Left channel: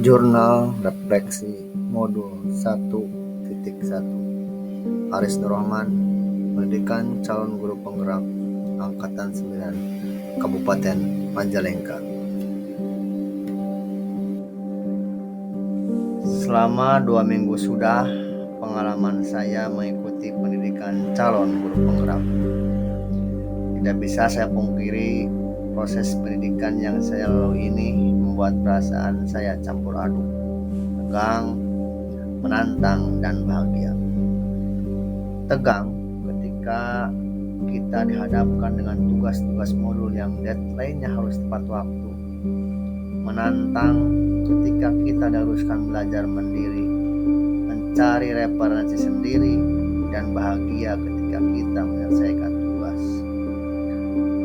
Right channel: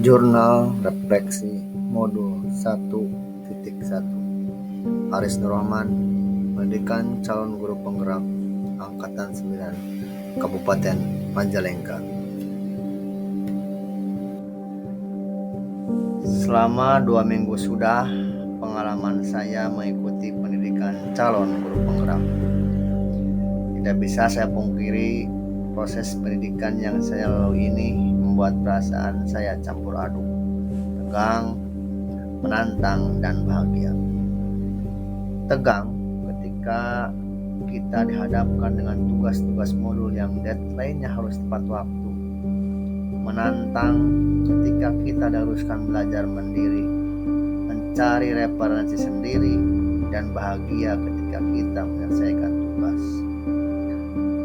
Jurnal Refleksi Modul 1.1 Aris Nur Rahman, Pendidikan Calon Guru Penggerak Angkatan 9 Kabupaten Majalengka. Selama 2 minggu sudah pengalaman saya mengikuti pendidikan calon guru penggerak. Tidak bisa saya pungkiri, proses pendidikan yang saya lalui ini membuat perasaan saya campur aduk, tegang, menantang, dan bahagia. Tegang ketika kita dihadapkan dengan tugas-tugas modul yang deadline-nya harus tepat waktu. Menantang ketika kita diharuskan belajar mandiri, mencari referensi sendiri, dan bahagia ketika kita menyelesaikan tugas.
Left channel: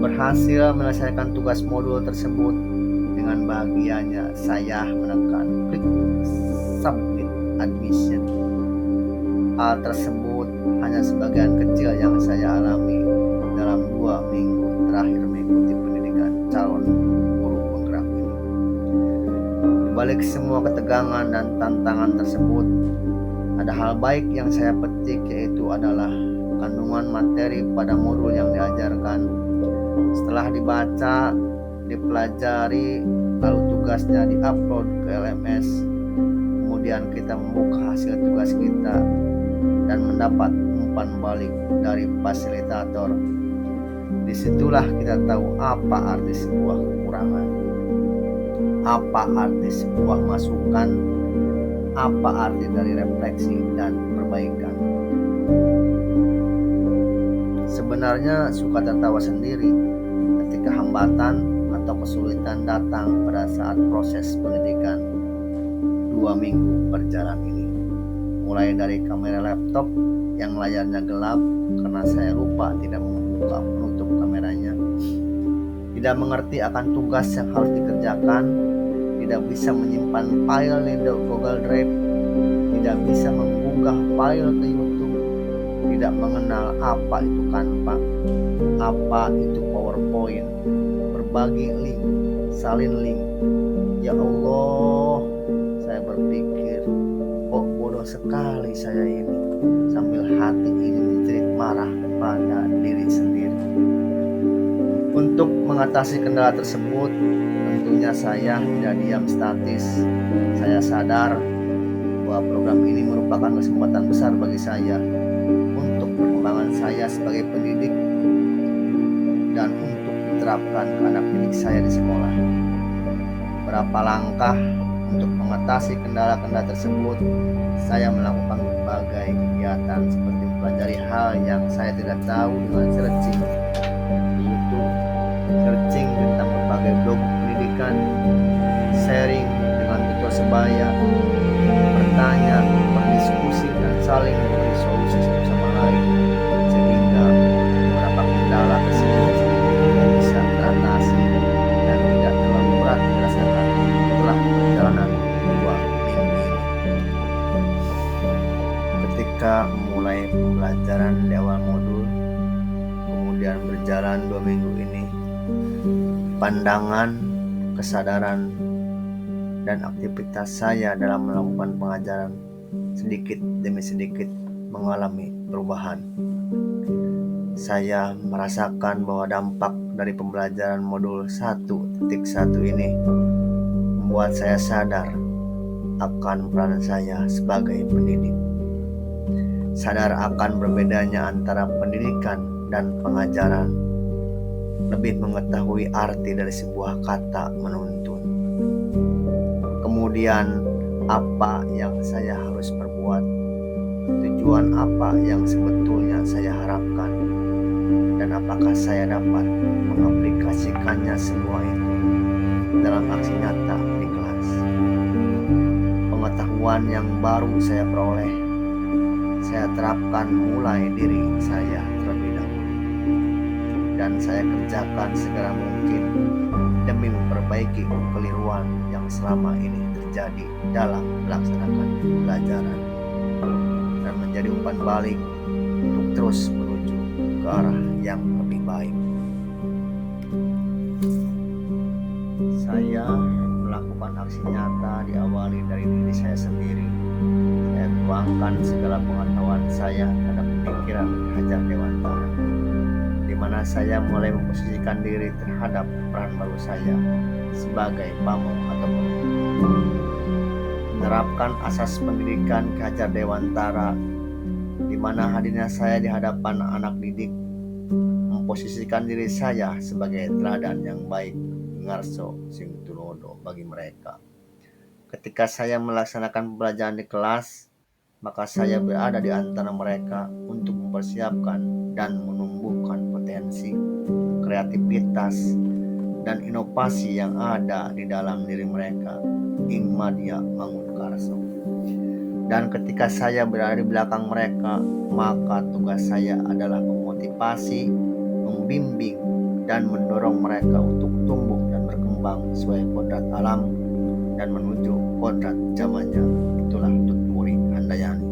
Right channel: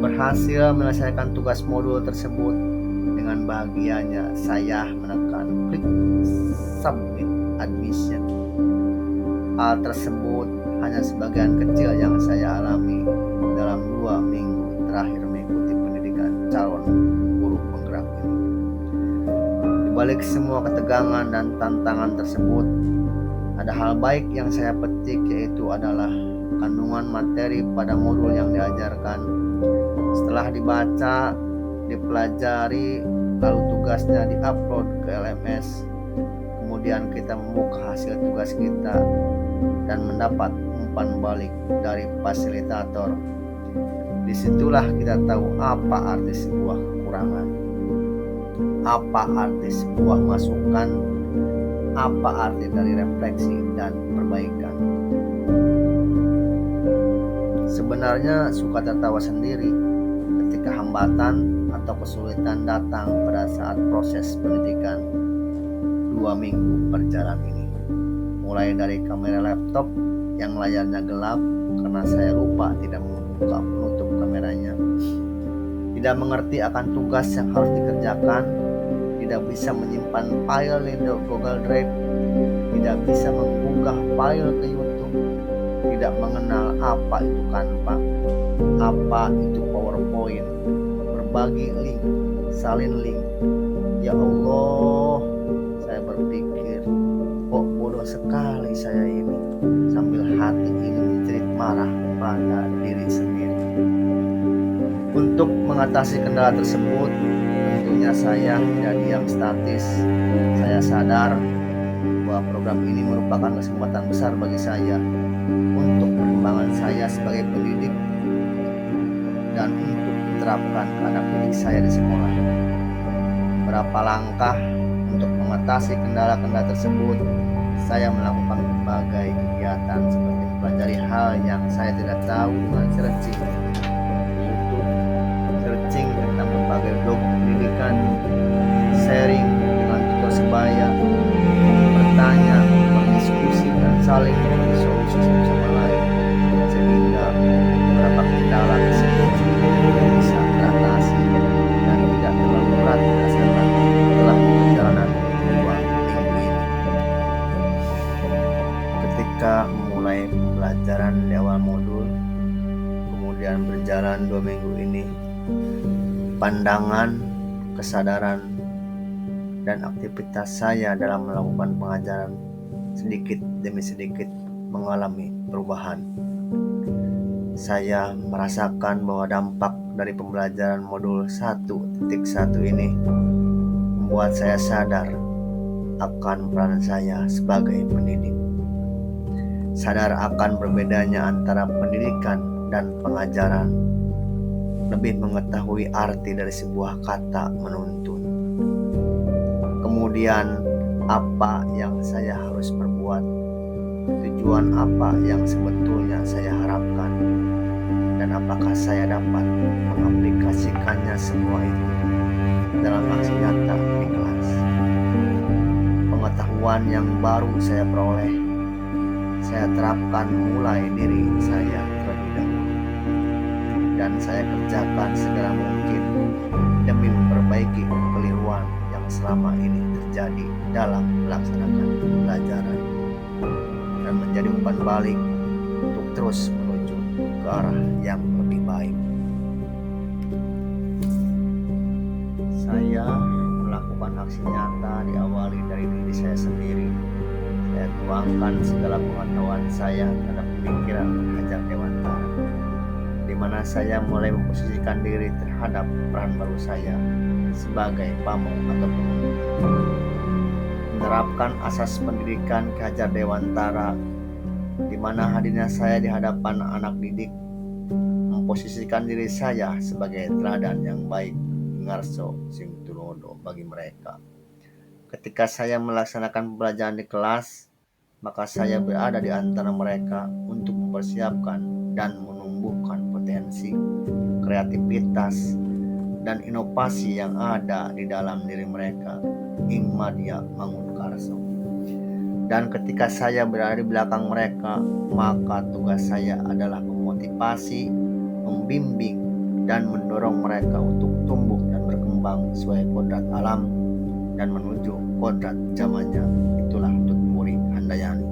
Berhasil menyelesaikan tugas modul tersebut, dengan bahagianya saya menekan klik submit admission. Hal tersebut hanya sebagian kecil yang saya alami dalam 2 minggu terakhir mengikuti pendidikan calon guru penggerak ini. Di balik semua ketegangan dan tantangan tersebut, ada hal baik yang saya petik, yaitu adalah kandungan materi pada modul yang diajarkan. Setelah dibaca, dipelajari, lalu tugasnya diupload ke LMS, kemudian kita membuka hasil tugas kita dan mendapat umpan balik dari fasilitator. Disitulah kita tahu apa arti sebuah kekurangan, apa arti sebuah masukan, apa arti dari refleksi dan perbaikan. Sebenarnya suka tertawa sendiri ketika hambatan atau kesulitan datang pada saat proses pendidikan 2 minggu berjalan ini. Mulai dari kamera laptop yang layarnya gelap karena saya lupa tidak membuka penutup kameranya, tidak mengerti akan tugas yang harus dikerjakan, tidak bisa menyimpan file di Google Drive, tidak bisa mengunggah file ke YouTube, tidak mengenal apa itu Canva, apa itu PowerPoint, berbagi link, salin link. Ya Allah, saya berpikir, kok bodoh sekali saya ini, sambil hati ini menjerit marah pada diri sendiri. Untuk mengatasi kendala tersebut, tentunya saya tidak diam statis. Saya sadar bahwa program ini merupakan kesempatan besar bagi saya untuk perkembangan saya sebagai pendidik dan untuk diterapkan ke anak didik saya di sekolah. Berapa langkah untuk mengatasi kendala-kendala tersebut, saya melakukan berbagai kegiatan seperti mempelajari hal yang saya tidak tahu dengan searching di YouTube, searching tentang berbagai blog pendidikan, sharing dengan tutor sebaya, bertanya, berdiskusi, dan saling memberi solusi satu sama lain, sehingga beberapa kendala tersebut bisa teratasi dan tidak terlalu berat dirasakan setelah perjalanan 2 minggu ini. Ketika memulai pembelajaran di awal modul, kemudian berjalan 2 minggu ini, pandangan, kesadaran, dan aktivitas saya dalam melakukan pengajaran sedikit demi sedikit mengalami perubahan. Saya merasakan bahwa dampak dari pembelajaran modul 1.1 ini membuat saya sadar akan peran saya sebagai pendidik. Sadar akan berbedanya antara pendidikan dan pengajaran. Lebih mengetahui arti dari sebuah kata menuntun. Kemudian apa yang saya harus perbuat, tujuan apa yang sebetulnya saya harapkan, dan apakah saya dapat mengaplikasikannya semua itu dalam aksi nyata di kelas. Pengetahuan yang baru saya peroleh, saya terapkan mulai diri saya terlebih dahulu, dan saya kerjakan segera mungkin demi memperbaiki kekeliruan yang selama ini terjadi dalam melaksanakan pembelajaran dan menjadi umpan balik untuk terus menuju ke arah yang lebih baik. Saya melakukan aksi nyata diawali dari diri saya sendiri. Saya tuangkan segala pengetahuan saya terhadap pemikiran Hajar Dewantara, di mana saya mulai memposisikan diri terhadap peran baru saya sebagai pamong atau pemimpin. Menerapkan asas pendidikan Ki Hajar Dewantara, di mana hadirnya saya di hadapan anak didik memposisikan diri saya sebagai teladan yang baik, ngarso sing tulodo bagi mereka. Ketika saya melaksanakan pembelajaran di kelas, maka saya berada di antara mereka untuk mempersiapkan dan menumbuhkan potensi, kreativitas, dan inovasi yang ada di dalam diri mereka. Ing Madya Mangunkarso. Dan ketika saya berada di belakang mereka, maka tugas saya adalah memotivasi, membimbing, dan mendorong mereka untuk tumbuh dan berkembang sesuai kodrat alam dan menuju kodrat zamannya. Itulah Tutmuri Handayani.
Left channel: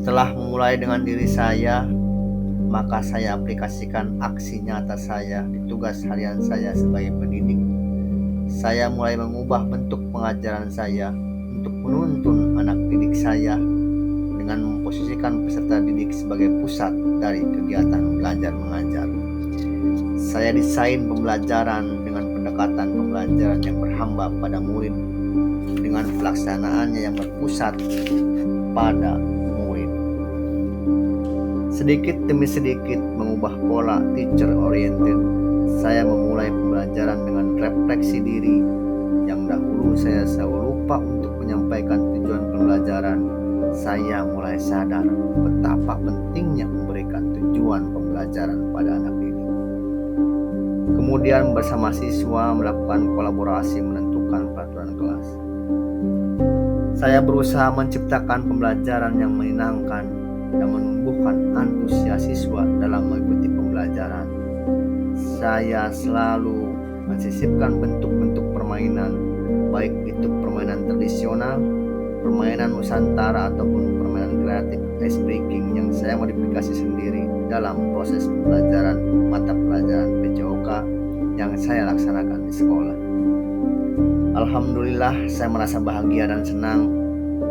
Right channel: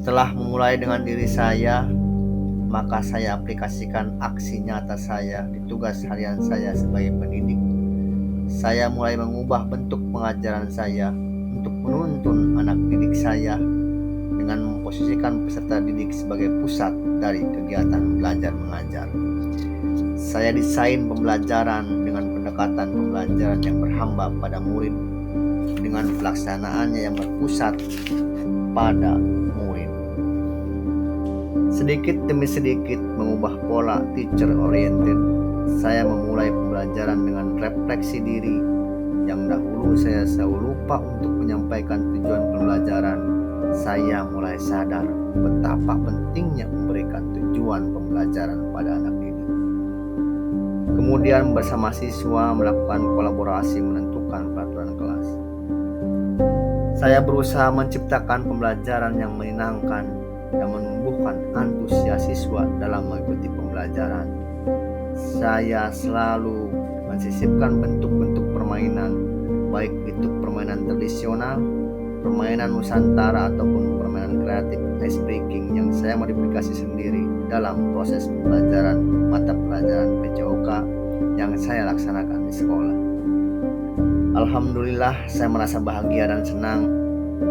Setelah memulai dengan diri saya, maka saya aplikasikan aksi nyata saya di tugas harian saya sebagai pendidik. Saya mulai mengubah bentuk pengajaran saya untuk menuntun anak didik saya dengan memposisikan peserta didik sebagai pusat dari kegiatan belajar mengajar. Saya desain pembelajaran dengan pendekatan pembelajaran yang berhamba pada murid, dengan pelaksanaannya yang berpusat pada murid. Sedikit demi sedikit mengubah pola teacher oriented, saya memulai pembelajaran dengan refleksi diri. Yang dahulu saya selalu lupa untuk menyampaikan tujuan pembelajaran, saya mulai sadar betapa pentingnya memberikan tujuan pembelajaran pada anak didik. Kemudian bersama siswa melakukan kolaborasi menentukan peraturan kelas. Saya berusaha menciptakan pembelajaran yang menyenangkan dan menumbuhkan antusias siswa dalam mengikuti pembelajaran. Saya selalu mensisipkan bentuk-bentuk permainan, baik itu permainan tradisional, permainan Nusantara, ataupun permainan kreatif ice breaking yang saya modifikasi sendiri dalam proses pembelajaran mata pelajaran PJOK yang saya laksanakan di sekolah. Alhamdulillah, saya merasa bahagia dan senang.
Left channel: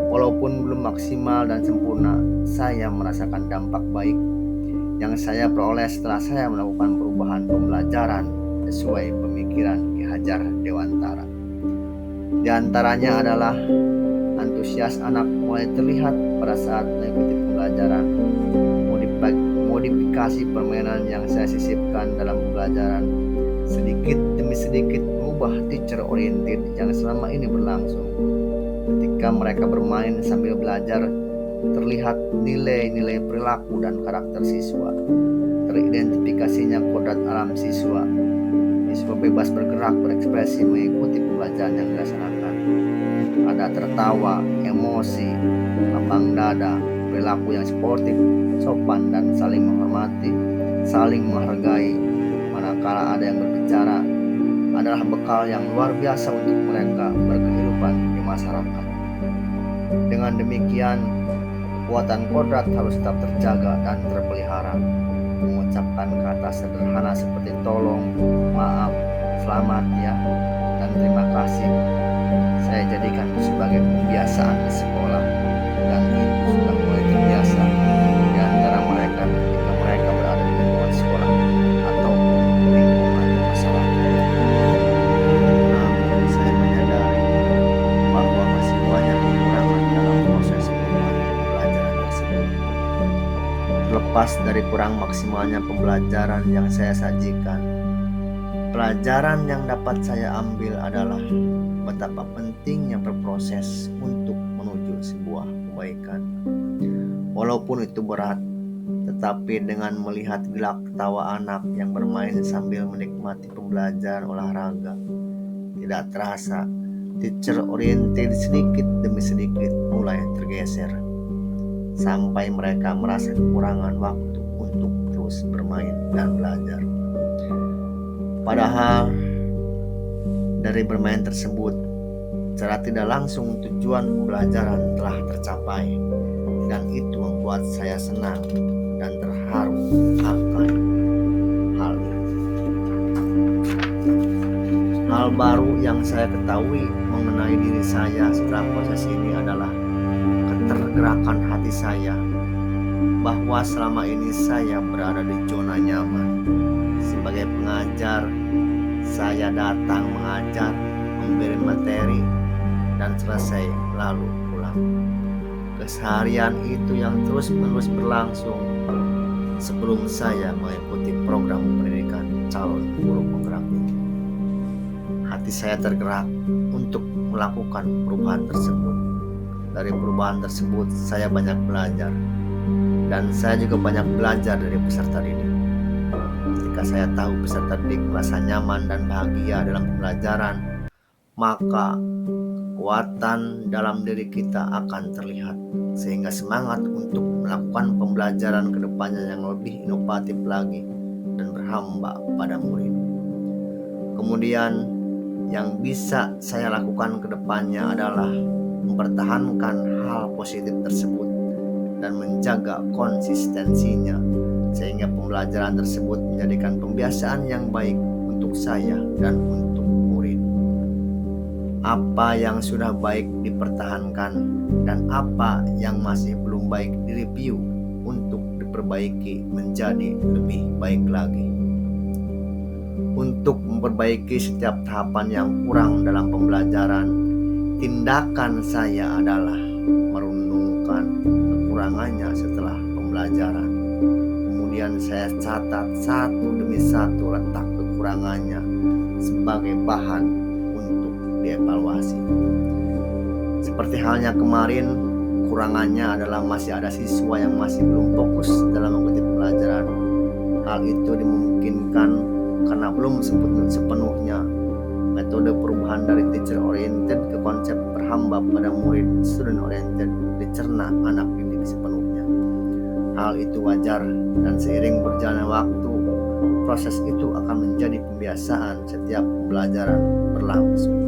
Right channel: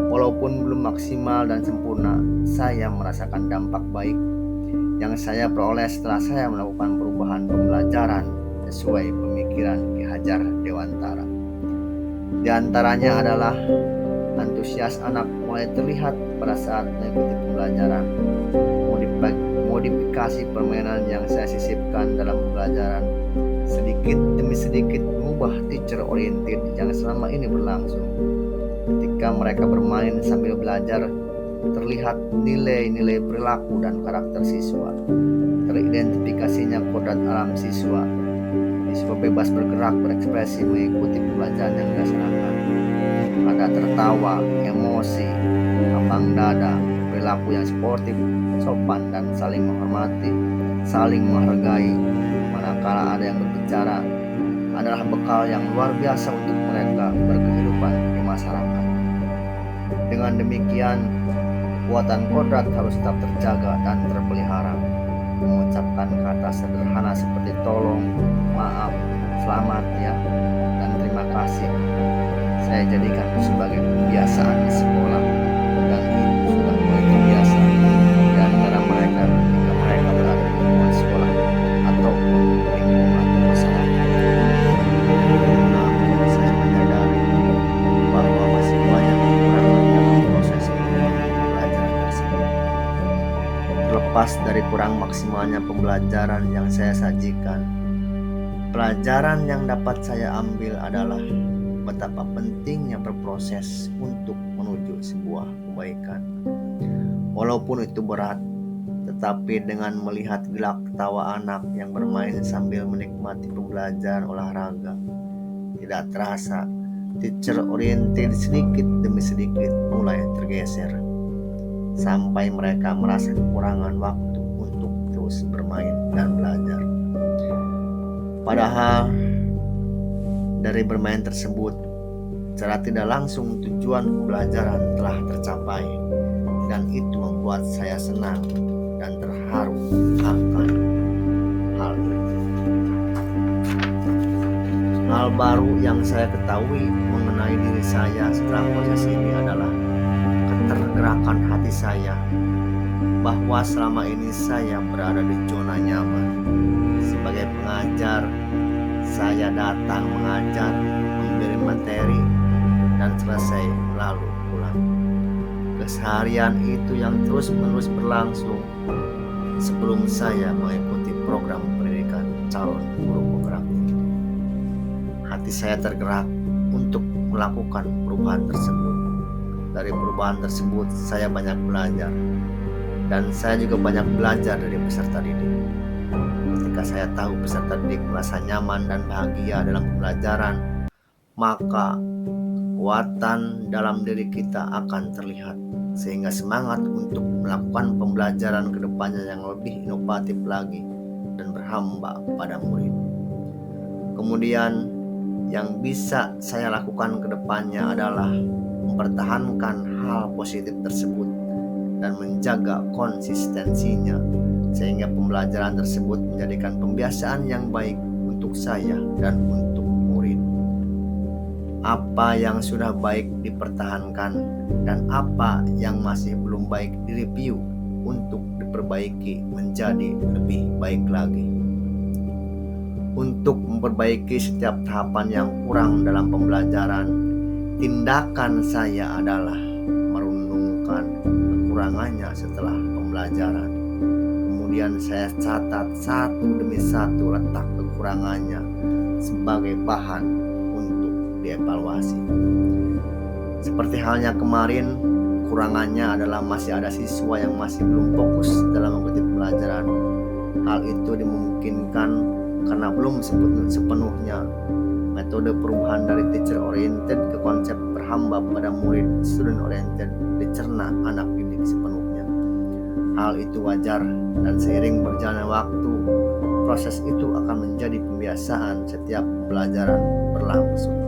Walaupun belum maksimal dan sempurna, saya merasakan dampak baik yang saya peroleh setelah saya melakukan perubahan pembelajaran sesuai pemikiran Ki Hajar Dewantara. Di antaranya adalah antusias anak mulai terlihat pada saat mengikuti pembelajaran, modifikasi permainan yang saya sisipkan dalam pembelajaran, sedikit demi sedikit mengubah teacher oriented yang selama ini berlangsung. Ketika mereka bermain sambil belajar, terlihat nilai-nilai perilaku dan karakter siswa, teridentifikasinya kodrat alam siswa. Siswa bebas bergerak, berekspresi, mengikuti pembelajaran yang dilaksanakan. Ada tertawa, emosi, lapang dada, perilaku yang sportif, sopan, dan saling menghormati, saling menghargai. Manakala ada yang berbicara, adalah bekal yang luar biasa untuk mereka berkehidupan di masyarakat. Dengan demikian, kekuatan kodrat harus tetap terjaga dan terpelihara. Mengucapkan kata sederhana seperti tolong, maaf, selamat ya, dan terima kasih, saya jadikan itu sebagai pembiasaan di sekolah, dan itu sudah mulai terbiasa di antara mereka ketika mereka berada di lingkungan sekolah ataupun lingkungan masyarakat. Namun saya menyadari bahwa masih banyak kekurangan dalam proses pembelajaran tersebut. Terlepas dari kurang maksimalnya pembelajaran yang saya sajikan, pelajaran yang dapat saya ambil adalah betapa pentingnya berproses untuk menuju sebuah kebaikan. Walaupun itu berat, tetapi dengan melihat gelak tawa anak yang bermain sambil menikmati pembelajaran olahraga, tidak terasa teacher oriented sedikit demi sedikit mulai tergeser, sampai mereka merasa kekurangan waktu untuk terus bermain dan belajar. Padahal dari bermain tersebut, secara tidak langsung tujuan pembelajaran telah tercapai, dan itu membuat saya senang dan terharu akan hal itu. Hal baru yang saya ketahui mengenai diri saya setelah proses ini adalah ketergerakan hati saya, bahwa selama ini saya berada di zona nyaman. Sebagai pengajar, saya datang mengajar, memberi materi, dan selesai lalu pulang. Keseharian itu yang terus-menerus berlangsung sebelum saya mengikuti program pendidikan calon guru penggerak ini. Hati saya tergerak untuk melakukan perubahan tersebut. Dari perubahan tersebut saya banyak belajar, dan saya juga banyak belajar dari peserta didik. Ketika saya tahu peserta didik merasa nyaman dan bahagia dalam pembelajaran, maka kekuatan dalam diri kita akan terlihat, sehingga semangat untuk melakukan pembelajaran ke depannya yang lebih inovatif lagi dan berhamba pada murid. Kemudian yang bisa saya lakukan ke depannya adalah mempertahankan hal positif tersebut dan menjaga konsistensinya, sehingga pembelajaran tersebut menjadikan pembiasaan yang baik untuk saya dan untuk murid. Apa yang sudah baik dipertahankan dan apa yang masih belum baik direview untuk diperbaiki menjadi lebih baik lagi. Untuk memperbaiki setiap tahapan yang kurang dalam pembelajaran, tindakan saya adalah merenungkan kekurangannya setelah pembelajaran. Kemudian saya catat satu demi satu letak kekurangannya sebagai bahan untuk dievaluasi. Seperti halnya kemarin, kekurangannya adalah masih ada siswa yang masih belum fokus dalam mengikuti pelajaran. Hal itu dimungkinkan karena belum sepenuhnya metode perubahan dari teacher oriented ke konsep berhamba pada murid student oriented dicerna anak didik sepenuhnya. Hal itu wajar, dan seiring berjalannya waktu, proses itu akan menjadi pembiasaan setiap pembelajaran berlangsung.